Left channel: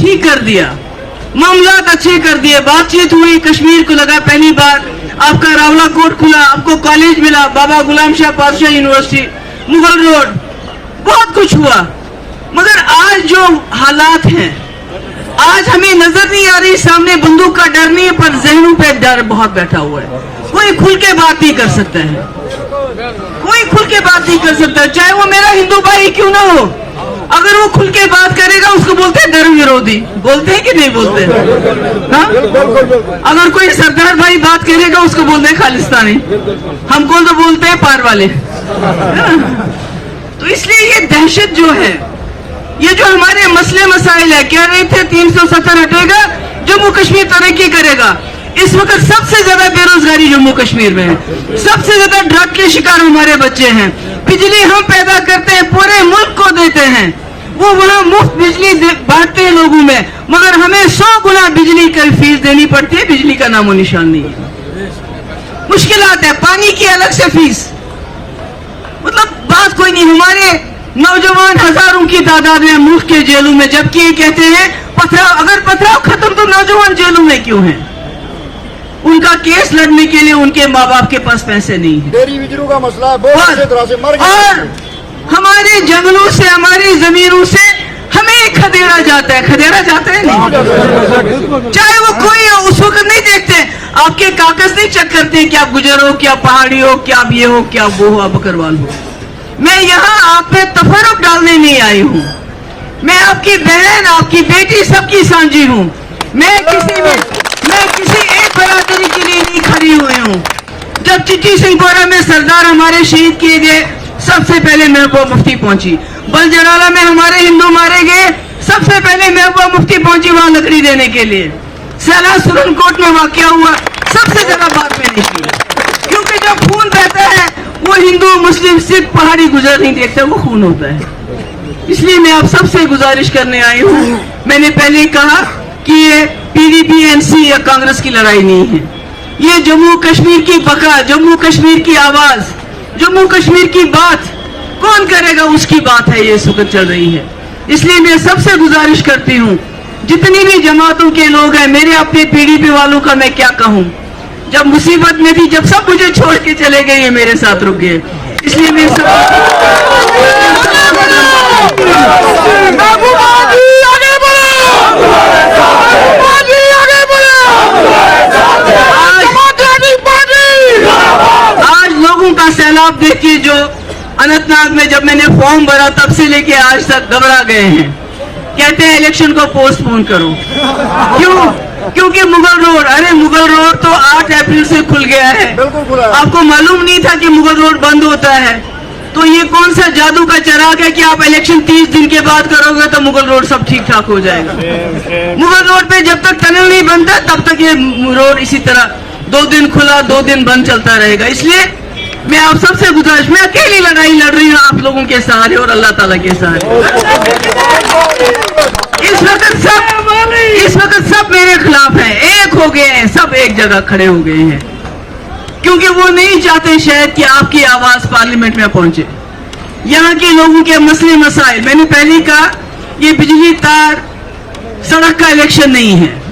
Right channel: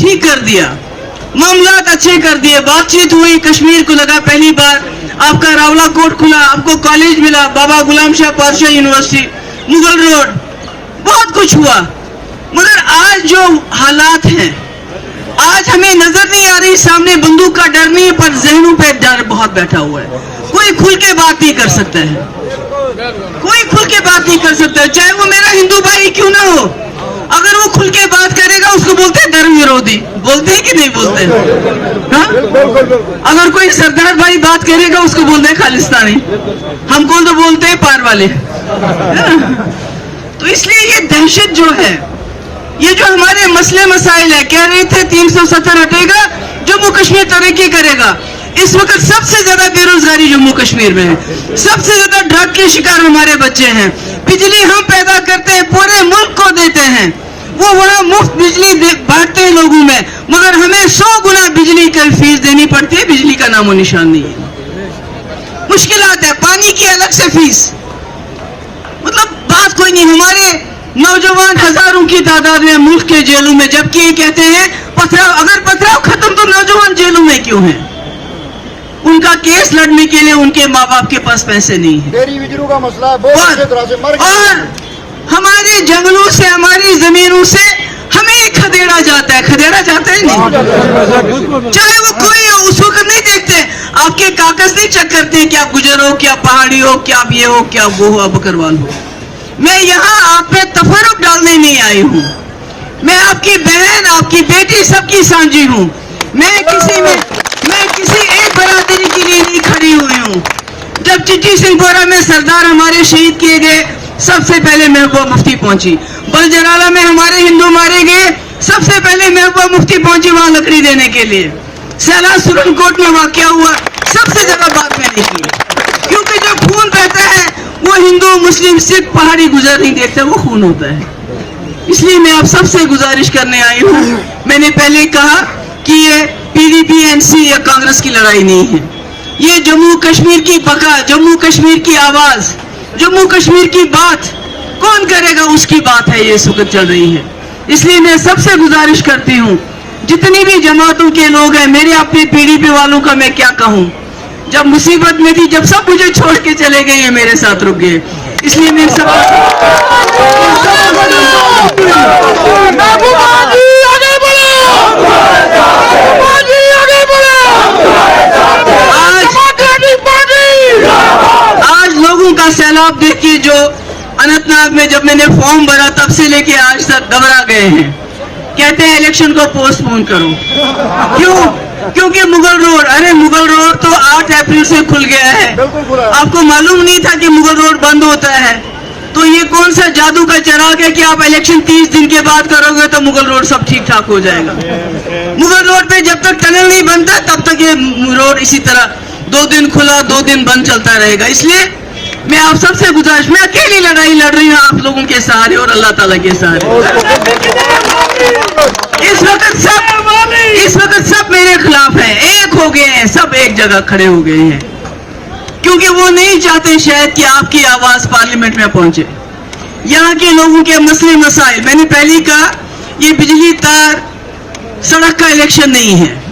ठीक कर दिया, मामलात अच्छे कर दिए, बातचीत हुई, कश्मीर को लगा पहली बार, आपका रावला कोर्ट खुला, आपको कॉलेज मिला, बाबा गुलाम शाह पातशाह यूनिवर्सिटी, मुगल रोड, बहुत कुछ हुआ। मगर आज जो हालात हैं, आज हमें नजर नहीं आ रही, सामने बंदूक का डर नहीं है, पर जहनों पे डर बहुत बैठा हुआ है। कोई खुल के बात नहीं कर सकता है, कोई खुल के बात नहीं कर सकता है, चाहे वो मेरा हिंदू भाई क्यों ना हो। अगर वो खुल के बात करेगा उसको बोलते हैं धर्म विरोधी, बोलते हैं कि नहीं बोलते हैं? अगर कोई सरदार भाई बात करेगा उसको बोलते हैं खालिस्तानी, हमको तो बोलते हैं पार वाले। तो इसलिए ये दहशत जो है, ये जो हमारे मसले मसाइल है, कह रहे थे 370 हटेगा, जम्मू कश्मीर तरक्की करेगा। इस वक्त सबसे ज्यादा बेरोजगारी जम्मू कश्मीर में है, सबसे ज्यादा ड्रग के शिकार हमारे बच्चे हैं। बिजली हम पैदा करते हैं, पूरे मुल्क को देते हैं, वो वहाँ मुफ्त बिजली बांटते हैं लोगों में, मगर हमें 100 गुना बिजली की फीस देनी पड़ती है, बिजली का नामो निशान नहीं है। मुश्किलात है, पानी की अलग से फीस, मतलब बात कोई नहीं। हमारे नौजवान हजारों की तादाद में मुल्क के जेलों में, जबकि ये कहते हैं पथराव, अगर पथराव खत्म तो नौजवान जेलों में क्यों हैं? उनका केस लड़ने के लिए उनके माँ बाप के पास पैसे नहीं है। डेयरी बिजली का मसला और हमारे जंगलों से, हमारी जमीनों से हमें खदेड़ा जाता है, खदेड़ा जाता है नहीं, चाहे वो कोई हो, उस वक्त नहीं देखते, आपके कागज नहीं चेक करते कि आप गुजर हो, क्या पहाड़ी हो, क्या आप ये हो, क्या वो हो, आप बकरवाल हो। मैं यहाँ आप पे तफर्रुक डालने नहीं आई हूँ, मैं आपकी बहन, आपकी बेटी, सबकी सांझी हूँ। मैं किसी एक बरादरी के लिए नहीं खड़ी हुई हूँ। जब चिट्ठी सिंहपोरा में सरदार हमारे शहीद किए गए, सबसे पहले महबूबा मुफ्ती पहुंची। बलजराला में हमारे हिंदू मारे गए, सबसे पहले महबूबा मुफ्ती पहुंची वहां लकड़ी देने के लिए। सैला सुरनकोट में वाकया हुआ, सबसे ज्यादा बात मैंने की, क्योंकि जब खून बहता है वो हिंदू मुस्लिम सिख पहाड़ी गुजर नहीं देखता, वो खून होता है। इसलिए मैं आप सबसे गुजारिश करने आई हूँ, मैंने पहले कहा कि ये पीडीपी एनसी या कांग्रेस की लड़ाई नहीं है, ये जम्मू कश्मीर की बका, जम्मू कश्मीर की आवाज, जम्मू कश्मीर की बात कौन करेगा उसकी बात है, ये इस वक्त चल रही है। इसलिए मैं सबसे गुजारिश करती हूँ, जितनी भी जमातों के लोग हैं, मेरे अपने पीडीपी वालों का मैं क्या कहूँ, जब मुसीबत में थी, जब सब मुझे छोड़ के चले गए, ये मेरे साथ रुक गए। इसलिए मैं सब आज लोगों का सैलाब देखिए, जो अनंतनाग में जब मैंने फॉर्म भरा तब से लेके आज तक घबरा गए हैं, कहते हैं इलेक्शन को पोस्टपोन करो। क्यों? क्योंकि मुगल रोड, अरे मुगल रोड तो 8 अप्रैल से खुल गया है, आपको मालूम नहीं था कि मुगल रोड बंद होता है? तो ये कौन सा जादू का चराग है कि आप इलेक्शन 30 दिन के बाद करोगे तो मुगल रोड सब ठीक ठाक हो जाएगा? मुगल रोड पे जब तक टनल नहीं बनता तब तक ये रोड इसी तरह 2 दिन खुला 2 दिन बंद चलता रहेगा। इसलिए मैं आप सबसे गुजारिश, मैं अकेली लड़ाई लड़ रही हूँ आप लोगों के सहारे और अल्लाह ताला के सहारे। इस वक्त सब मेरे खिलाफ हैं, एक हो गए हैं, सब एक जगह खड़े हो गए हैं, क्योंकि वो नहीं चाहते शायद कि आपकी आवाज पार्लियामेंट में पहुंचे। यहाँ के लोगों के मसले मसाइल, मैंने पहले कहा, ये बिजली तार सड़क का इलेक्शन नहीं है,